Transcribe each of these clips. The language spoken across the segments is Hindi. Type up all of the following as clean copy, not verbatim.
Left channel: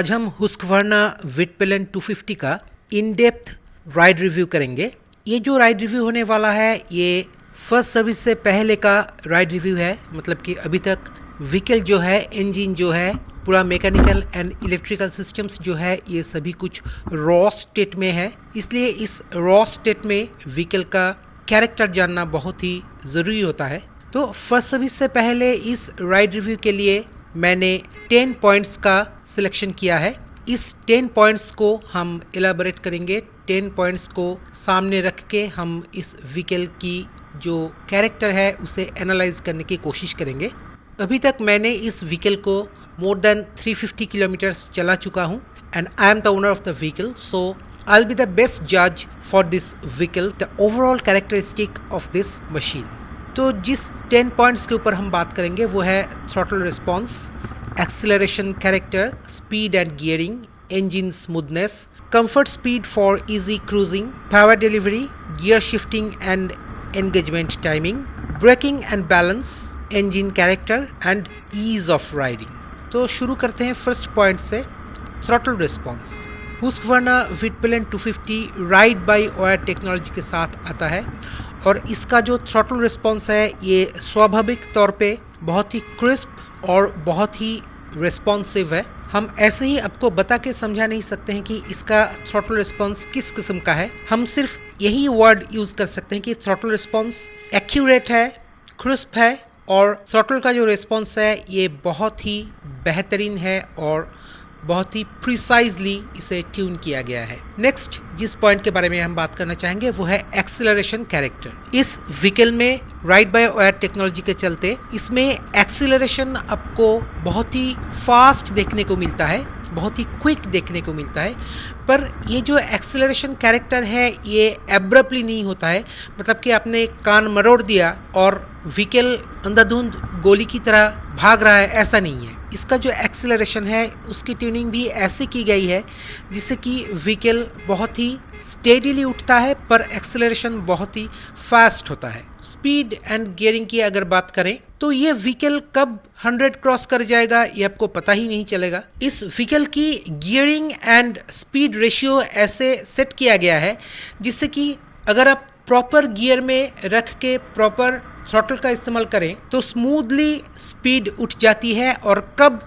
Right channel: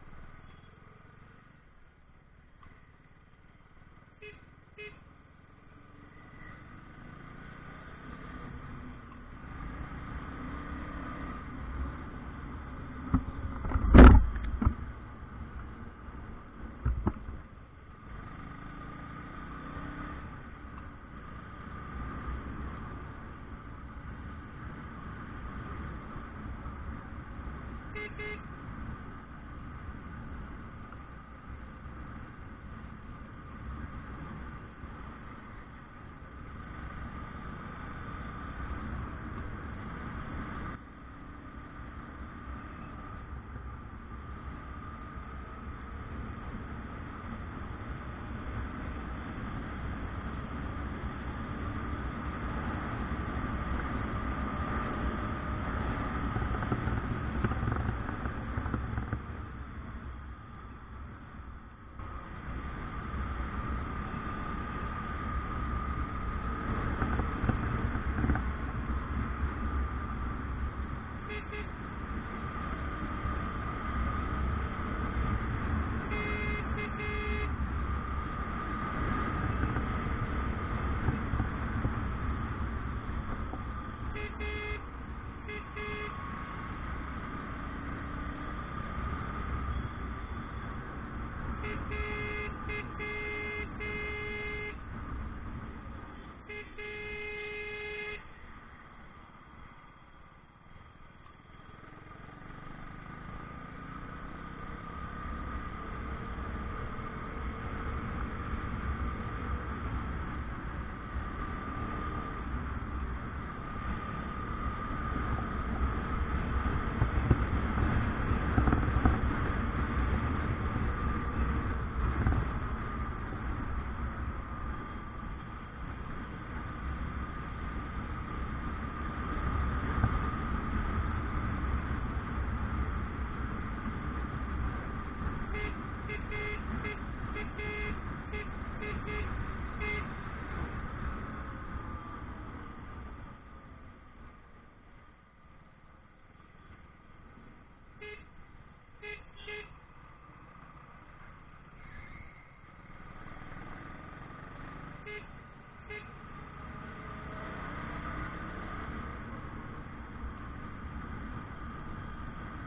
आज हम हुस्कवर्ना विटपेलन 250 का इन डेप्थ राइड रिव्यू करेंगे। ये जो राइड रिव्यू होने वाला है ये फर्स्ट सर्विस से पहले का राइड रिव्यू है। मतलब कि अभी तक व्हीकल जो है, इंजन जो है, पूरा मैकेनिकल एंड इलेक्ट्रिकल सिस्टम्स जो है ये सभी कुछ रॉ स्टेट में है। इसलिए इस रॉ स्टेट में व्हीकल का कैरेक्टर जानना बहुत ही ज़रूरी होता है। तो फर्स्ट सर्विस से पहले इस राइड रिव्यू के लिए मैंने 10 पॉइंट्स का सिलेक्शन किया है। इस 10 पॉइंट्स को हम एलाबोरेट करेंगे। 10 पॉइंट्स को सामने रख के हम इस व्हीकल की जो कैरेक्टर है उसे एनालाइज करने की कोशिश करेंगे। अभी तक मैंने इस व्हीकल को मोर देन 350 किलोमीटर्स चला चुका हूँ and I am the owner of the vehicle, so I will be the best जज for this vehicle, the overall characteristic of this machine. तो जिस 10 पॉइंट्स के ऊपर हम बात करेंगे वो है throttle response, acceleration character, speed and gearing, engine smoothness, comfort speed for easy cruising, power delivery, gear shifting and engagement timing, braking and balance, engine character and ease of riding. तो शुरू करते हैं फर्स्ट पॉइंट से, throttle response. Husqvarna Vitpilen 250 ride by wire technology के साथ आता है और इसका जो थ्रॉटल रिस्पॉन्स है ये स्वाभाविक तौर पे बहुत ही क्रिस्प और बहुत ही रिस्पॉन्सिव है। हम ऐसे ही आपको बता के समझा नहीं सकते हैं कि इसका थ्रॉटल रिस्पॉन्स किस किस्म का है। हम सिर्फ यही वर्ड यूज़ कर सकते हैं कि थ्रॉटल रिस्पॉन्स एक्यूरेट है, क्रिस्प है और थ्रॉटल का जो रिस्पॉन्स है ये बहुत ही बेहतरीन है और बहुत ही प्रिसाइजली इसे ट्यून किया गया है। नेक्स्ट जिस पॉइंट के बारे में हम बात करना चाहेंगे वो है एक्सीलरेशन कैरेक्टर। इस व्हीकल में राइड बाय वायर टेक्नोलॉजी के चलते इसमें एक्सीलरेशन आपको बहुत ही फास्ट देखने को मिलता है, बहुत ही क्विक देखने को मिलता है। पर ये जो एक्सीलरेशन कैरेक्टर है ये एब्रप्टली नहीं होता है। मतलब कि आपने कान मरोड़ दिया और व्हीकल अंधाधुंध गोली की तरह भाग रहा है, ऐसा नहीं है। इसका जो एक्सेलरेशन है उसकी ट्यूनिंग भी ऐसी की गई है जिससे कि व्हीकल बहुत ही स्टेडीली उठता है पर एक्सेलरेशन बहुत ही फास्ट होता है। स्पीड एंड गियरिंग की अगर बात करें तो ये व्हीकल कब 100 क्रॉस कर जाएगा ये आपको पता ही नहीं चलेगा। इस व्हीकल की गियरिंग एंड स्पीड रेशियो ऐसे सेट किया गया है जिससे कि अगर आप प्रॉपर गियर में रख के प्रॉपर थ्रॉटल का इस्तेमाल करें तो स्मूथली स्पीड उठ जाती है और कब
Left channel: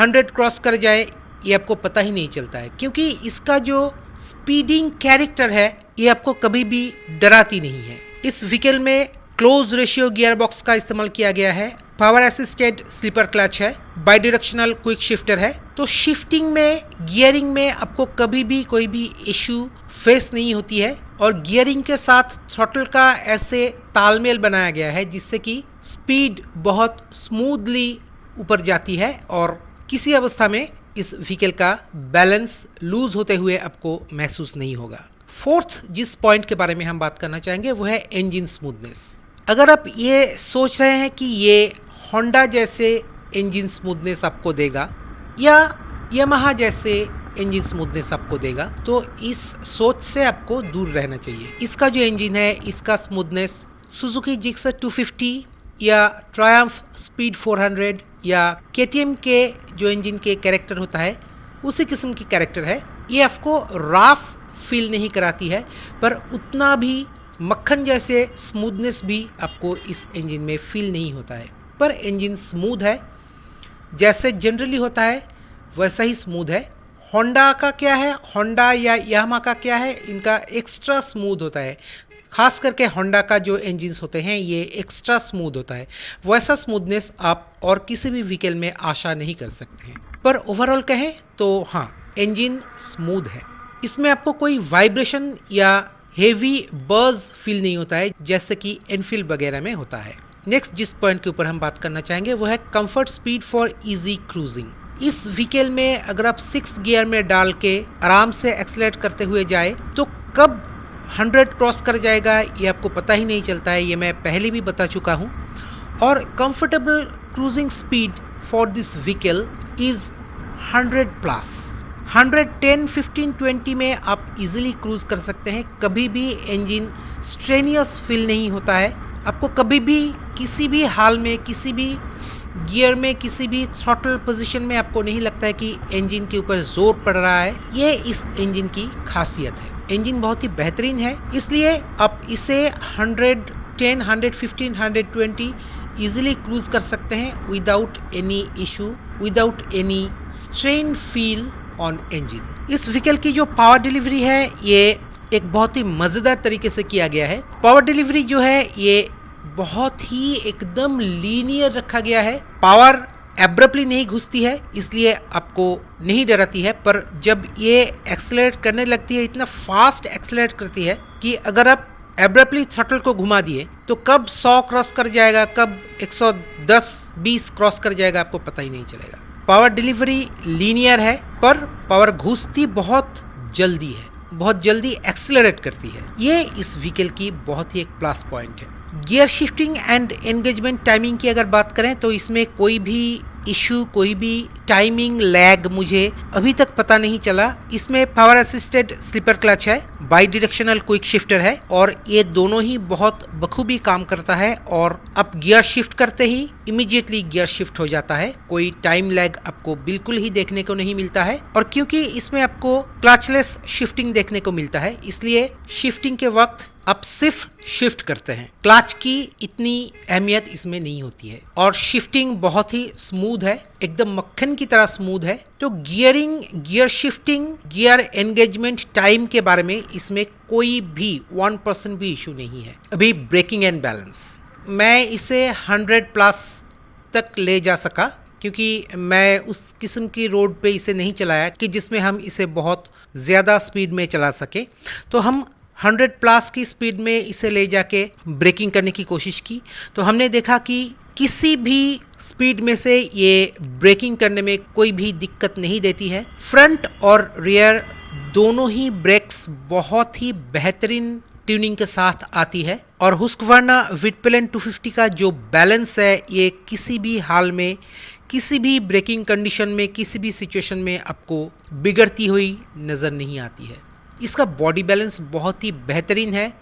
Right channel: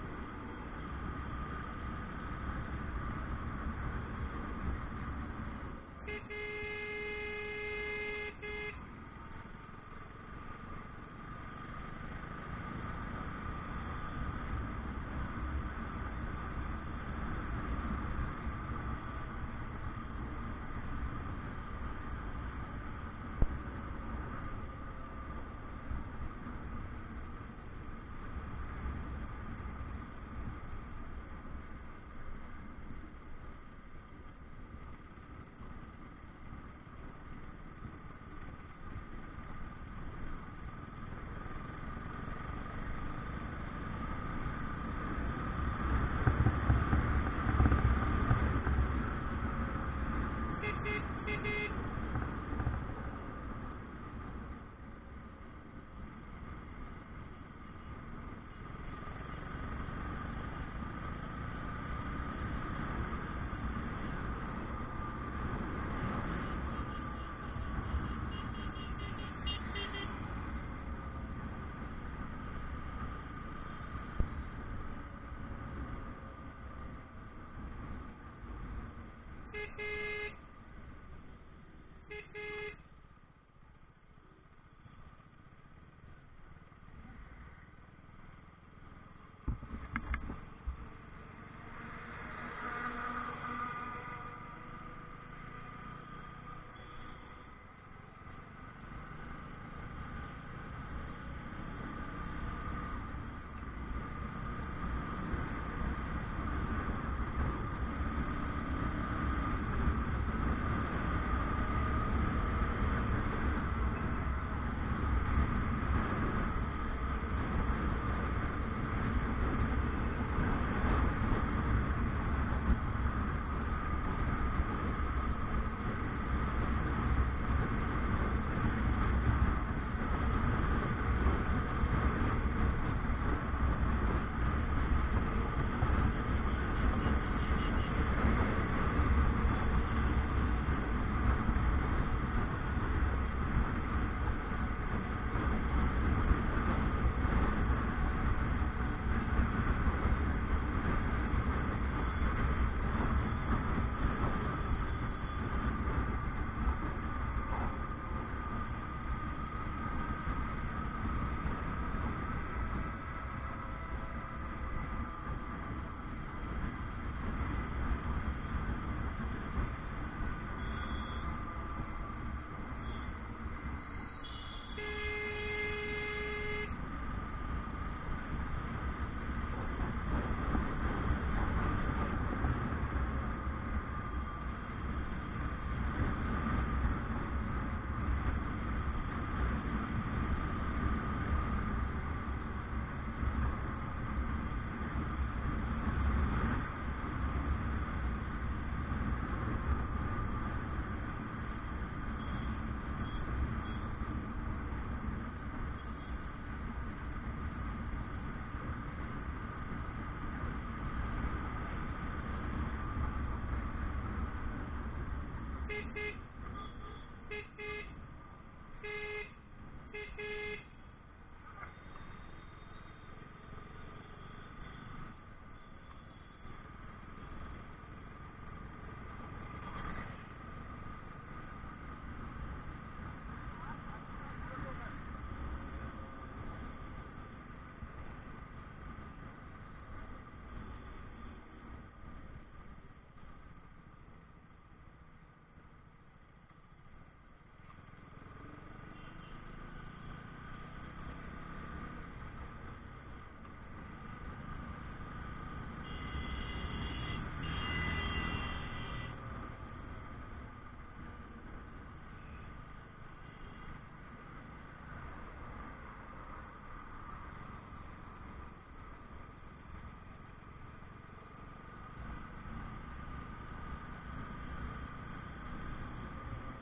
100 क्रॉस कर जाए ये आपको पता ही नहीं चलता है, क्योंकि इसका जो स्पीडिंग कैरेक्टर है ये आपको कभी भी डराती नहीं है। इस व्हीकल में क्लोज रेशियो गियर बॉक्स का इस्तेमाल किया गया है, पावर असिस्टेड स्लीपर क्लच है, बाई डायरेक्शनल क्विक शिफ्टर है। तो शिफ्टिंग में, गियरिंग में आपको कभी भी कोई भी इशू फेस नहीं होती है और गियरिंग के साथ थ्रॉटल का ऐसे तालमेल बनाया गया है जिससे कि स्पीड बहुत स्मूथली ऊपर जाती है और किसी अवस्था में इस व्हीकल का बैलेंस लूज होते हुए आपको महसूस नहीं होगा। फोर्थ जिस पॉइंट के बारे में हम बात करना चाहेंगे वो है इंजन स्मूथनेस। अगर आप ये सोच रहे हैं कि ये होंडा जैसे इंजन स्मूथनेस आपको देगा या यामाहा जैसे इंजन स्मूथनेस आपको देगा तो इस सोच से आपको दूर रहना चाहिए। इसका जो इंजन है इसका स्मूथनेस सुजुकी जिक्सर 250 या ट्रायम्फ स्पीड 400 या केटीएम के जो इंजन के कैरेक्टर होता है उसी किस्म की कैरेक्टर है। ये आपको राफ फील नहीं कराती है पर उतना भी मक्खन जैसे स्मूथनेस भी आपको इस इंजन में फील नहीं होता है। पर इंजन स्मूथ है, जैसे जनरली होता है वैसा ही स्मूथ है। होंडा का क्या है, होंडा या यामाहा का क्या है, इनका एक्स्ट्रा स्मूथ होता है। खास करके होंडा का जो इंजन्स होते हैं ये एक्स्ट्रा स्मूथ होता है। वैसा स्मूथनेस आप और किसी भी व्हीकल में आशा नहीं कर सकते हैं। पर ओवरऑल कहें तो हाँ, इंजन स्मूथ है। इसमें आपको कोई वाइब्रेशन या हेवी बज़ फील नहीं होता है जैसे कि एनफील्ड वगैरह में होता है। नेक्स्ट जिस पॉइंट के ऊपर हम बात करना चाहेंगे वो है comfort speed for easy cruising. इस व्हीकल में अगर आप 6 गियर में डाल के आराम से एक्सीलरेट करते हुए जाए तो कब 100 क्रॉस कर जाएगा ये आपको पता ही नहीं चलता है। ये मैं पहले भी बता चुका हूँ। और comfortable cruising speed for this vehicle is 100+। 110, 15, 20 में आप इजीली क्रूज कर सकते हैं। कभी भी इंजन स्ट्रेनियस फील नहीं होता है। आपको कभी भी किसी भी हाल में, किसी भी गियर में किसी भी थ्रॉटल पोजीशन में आपको नहीं लगता है कि इंजन के ऊपर जोर पड़ रहा है। ये इस इंजन की खासियत है। इंजन बहुत ही बेहतरीन है, इसलिए आप इसे 110, 115, 120 इजीली क्रूज कर सकते हैं without any issue, without any strain feel on engine. इस व्हीकल की जो पावर डिलीवरी है ये एक बहुत ही मजेदार तरीके से किया गया है। पावर डिलीवरी जो है ये बहुत ही एकदम लीनियर रखा गया है। पावर एब्रप्टली नहीं घुसती है, इसलिए आपको नहीं डराती है, पर जब ये एक्सेलरेट करने लगती है इतना फास्ट एक्सेलरेट करती है कि अगर आप एब्रप्टली थ्रॉटल को घुमा दिए तो कब 100 क्रॉस कर जाएगा, कब 110-20 क्रॉस कर जाएगा आपको पता ही नहीं चलेगा। पावर डिलीवरी लीनियर है, पर पावर घुसती बहुत जल्दी है, बहुत जल्दी एक्सेलरेट करती है। ये इस व्हीकल की बहुत ही एक प्लस पॉइंट है। Gear shifting and engagement timing की अगर बात करें तो इसमें कोई भी इशू, कोई भी टाइमिंग लैग मुझे अभी तक पता नहीं चला। इसमें पावर असिस्टेड स्लीपर क्लच है, बाई डायरेक्शनल क्विक शिफ्टर है और ये दोनों ही बहुत बखूबी काम करता है और आप गियर शिफ्ट करते ही इमीडिएटली गियर शिफ्ट हो जाता है। कोई टाइम लैग आपको बिल्कुल ही देखने को नहीं मिलता है। और क्योंकि इसमें आपको क्लचलेस शिफ्टिंग देखने को मिलता है, इसलिए शिफ्टिंग के वक्त आप सिर्फ शिफ्ट करते हैं, क्लच की इतनी अहमियत इसमें नहीं होती है और शिफ्टिंग बहुत ही स्मूथ है, एकदम मक्खन की तरह स्मूथ है। तो gearing, gear shifting, gear engagement time के बारे में इसमें कोई भी 1% भी इशू नहीं है। अभी ब्रेकिंग एंड बैलेंस मैं इसे 100+ तक ले जा सका, क्योंकि मैं उस किस्म की रोड पे इसे नहीं चलाया कि जिसमें हम इसे बहुत ज़्यादा स्पीड में चला सके। तो हम 100+ की स्पीड में इसे ले जाके ब्रेकिंग करने की कोशिश की, तो हमने देखा कि किसी भी स्पीड में से ये ब्रेकिंग करने में कोई भी दिक्कत नहीं देती है। फ्रंट और रियर दोनों ही ब्रेक्स बहुत ही बेहतरीन ट्यूनिंग के साथ आती है और हुस्कवर्ना विटपेलेन 250 का जो बैलेंस है ये किसी भी हाल में, किसी भी ब्रेकिंग कंडीशन में, किसी भी सिचुएशन में आपको बिगड़ती हुई नज़र नहीं आती है। इसका बॉडी बैलेंस बहुत ही बेहतरीन है,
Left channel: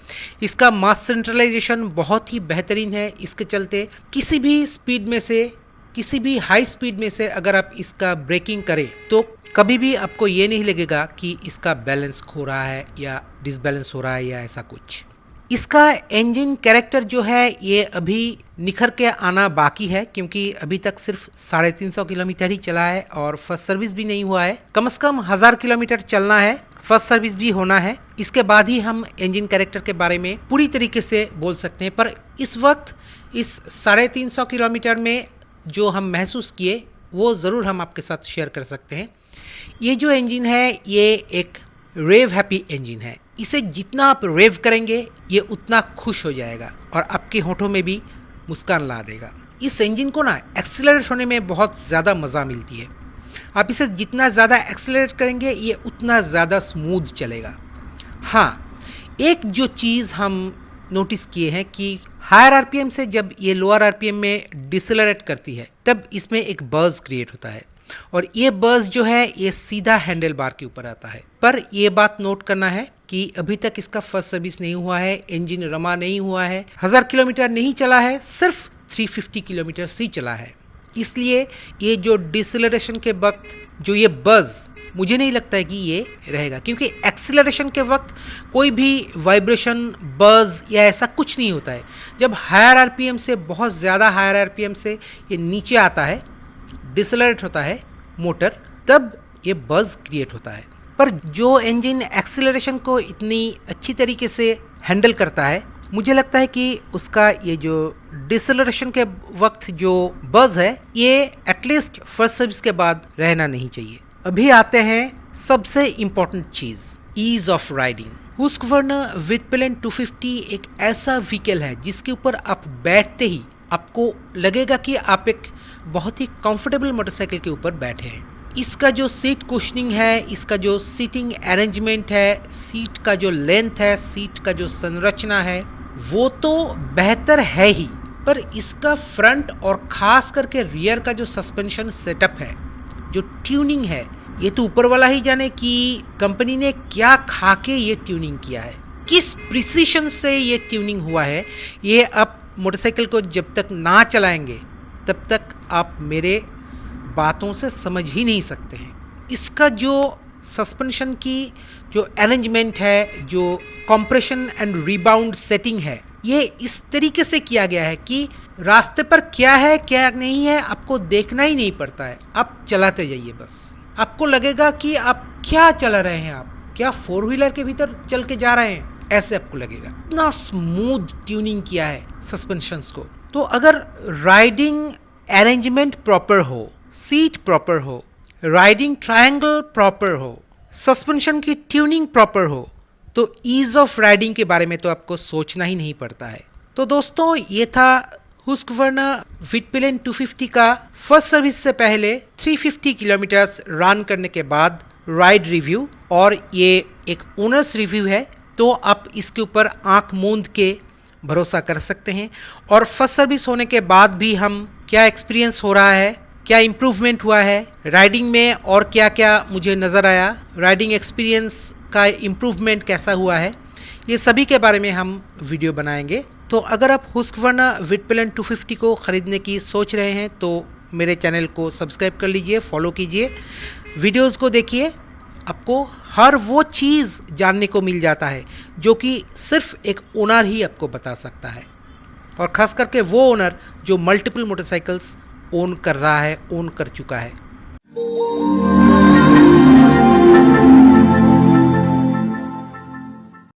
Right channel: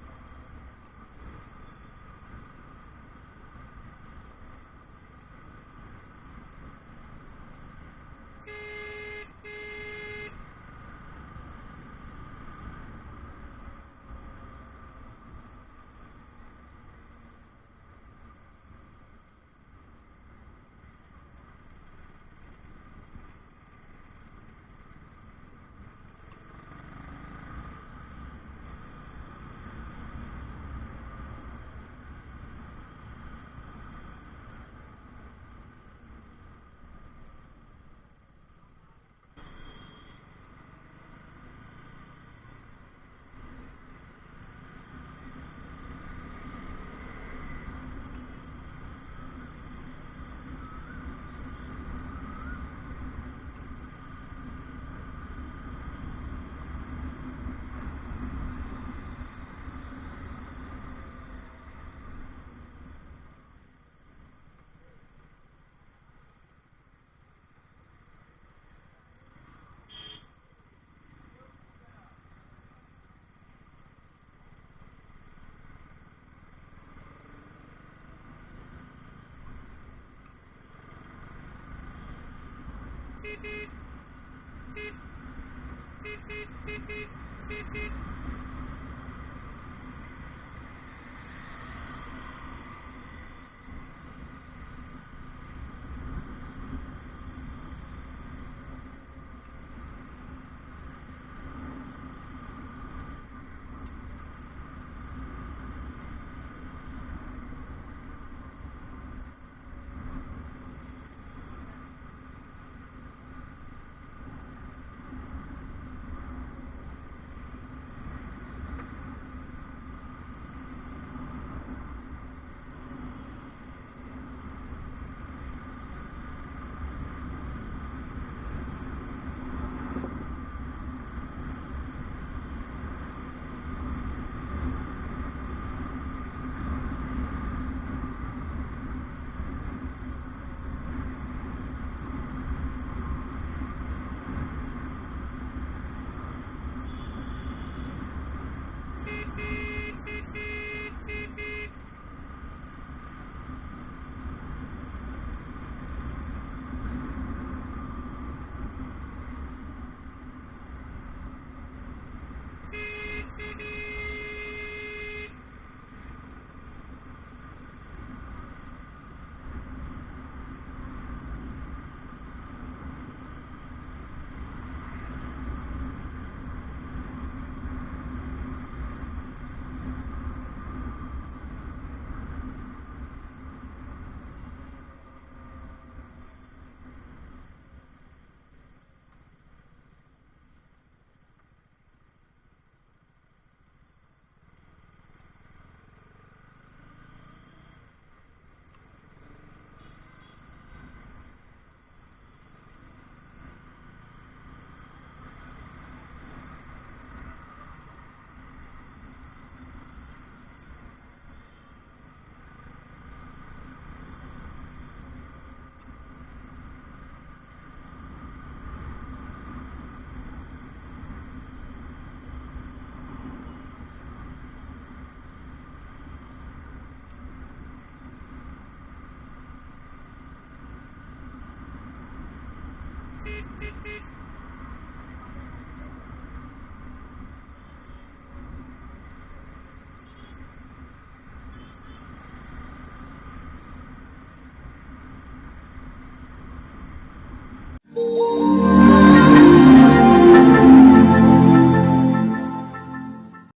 इसका मास सेंट्रलाइजेशन बहुत ही बेहतरीन है। इसके चलते किसी भी स्पीड में से, किसी भी हाई स्पीड में से अगर आप इसका ब्रेकिंग करें तो कभी भी आपको ये नहीं लगेगा कि इसका बैलेंस खो रहा है या डिसबैलेंस हो रहा है या ऐसा कुछ। इसका इंजन कैरेक्टर जो है ये अभी निखर के आना बाकी है, क्योंकि अभी तक सिर्फ 350 किलोमीटर ही चला है और फर्स्ट सर्विस भी नहीं हुआ है। कम से कम 1000 किलोमीटर चलना है, फर्स्ट सर्विस भी होना है, इसके बाद ही हम इंजन कैरेक्टर के बारे में पूरी तरीके से बोल सकते हैं। पर इस वक्त इस 350 किलोमीटर में जो हम महसूस किए वो ज़रूर हम आपके साथ शेयर कर सकते हैं। ये जो इंजन है ये एक रेव हैप्पी इंजन है। इसे जितना आप रेव करेंगे ये उतना खुश हो जाएगा और आपके होठों में भी मुस्कान ला देगा। इस इंजन को ना एक्सेलरेट होने में बहुत ज़्यादा मज़ा मिलती है। आप इसे जितना ज़्यादा एक्सेलरेट करेंगे ये उतना ज़्यादा स्मूथ चलेगा। हाँ, एक जो चीज़ हम नोटिस किए हैं कि हायर आरपीएम से जब ये लोअर आरपीएम में डिसेलरेट करती है तब इसमें एक बज़ क्रिएट होता है और ये बज़ जो है ये सीधा हैंडल बार के ऊपर आता है। पर ये बात नोट करना है कि अभी तक इसका फर्स्ट सर्विस नहीं हुआ है, इंजन रमा नहीं हुआ है, 1000 किलोमीटर नहीं चला है, सिर्फ 350 किलोमीटर ही चला है। इसलिए ये जो डिसेलरेशन के वक्त जो ये बज़, मुझे नहीं लगता है कि ये रहेगा, क्योंकि एक्सेलरेशन के वक्त कोई भी वाइब्रेशन, बज़ या ऐसा कुछ नहीं होता है। जब हायर आरपीएम से, बहुत ज़्यादा हायर आरपीएम से ये नीचे आता है, डिसेलरेट होता है मोटर, तब ये बज़ क्रिएट होता है। पर जो इंजन एक्सेलरेशन को इतनी अच्छी तरीके से हैंडल करता है, मुझे लगता है कि उसका ये जो डिसेलरेशन के वक्त जो बज़ है ये एटलीस्ट फर्स्ट सर्विस के बाद रहना नहीं चाहिए। अभी आते हैं सबसे इम्पोर्टेंट चीज़, ease of riding. Husqvarna Vitpilen 250 एक ऐसा व्हीकल है जिसके ऊपर आप बैठते ही आपको लगेगा कि आप एक बहुत ही कंफर्टेबल मोटरसाइकिल के ऊपर बैठे हैं। इसका जो सीट कुशनिंग है, इसका जो सीटिंग अरेंजमेंट है, सीट का जो लेंथ है, सीट का जो संरचना है, वो तो बेहतर है ही, पर इसका फ्रंट और खास करके रियर का जो सस्पेंशन सेटअप है, जो ट्यूनिंग है, ये तो ऊपर वाला ही जाने कि कंपनी ने क्या खा के ये ट्यूनिंग किया है, किस प्रिसीशन से ये ट्यूनिंग हुआ है। ये आप मोटरसाइकिल को जब तक ना चलाएंगे तब तक आप मेरे बातों से समझ ही नहीं सकते हैं। इसका जो सस्पेंशन की जो अरेंजमेंट है, जो कंप्रेशन एंड रिबाउंड सेटिंग है, ये इस तरीके से किया गया है कि रास्ते पर क्या है क्या नहीं है आपको देखना ही नहीं पड़ता है, आप चलाते जाइए बस। आपको लगेगा कि आप क्या चला रहे हैं, आप क्या 4 व्हीलर के भीतर चल के जा रहे हैं, ऐसे आपको लगेगा। इतना स्मूथ ट्यूनिंग किया है सस्पेंशंस को। तो अगर राइडिंग अरेंजमेंट प्रॉपर हो, सीट प्रॉपर हो, राइडिंग ट्रायंगल प्रॉपर हो, सस्पेंशन की ट्यूनिंग प्रॉपर हो, तो ईज ऑफ राइडिंग के बारे में तो आपको सोचना ही नहीं पड़ता है। तो दोस्तों, ये था हुस्कवर्ना विटपिलेन 250 का फर्स्ट सर्विस से पहले 350 किलोमीटर्स रन करने के बाद राइड रिव्यू, और ये एक ओनर्स रिव्यू है, तो आप इसके ऊपर आंख मूंद के भरोसा कर सकते हैं। और फर्स्ट सर्विस होने के बाद भी हम क्या एक्सपीरियंस हो रहा है, क्या इम्प्रूवमेंट हुआ है राइडिंग में, और क्या क्या मुझे नज़र आया, राइडिंग एक्सपीरियंस का इम्प्रूवमेंट कैसा हुआ है, ये सभी के बारे में हम वीडियो बनाएंगे। तो अगर आप हुस्कवर्ना विटपिलेन 250 को ख़रीदने की सोच रहे हैं तो मेरे चैनल को सब्सक्राइब कर लीजिए, फॉलो कीजिए, वीडियोस को देखिए। आपको हर वो चीज़ जानने को मिल जाता है जो कि सिर्फ एक ओनर ही आपको बता सकता है, और ख़ास करके वो ओनर जो मल्टीपल मोटरसाइकिल्स ओन कर रहा है, ओन कर चुका है।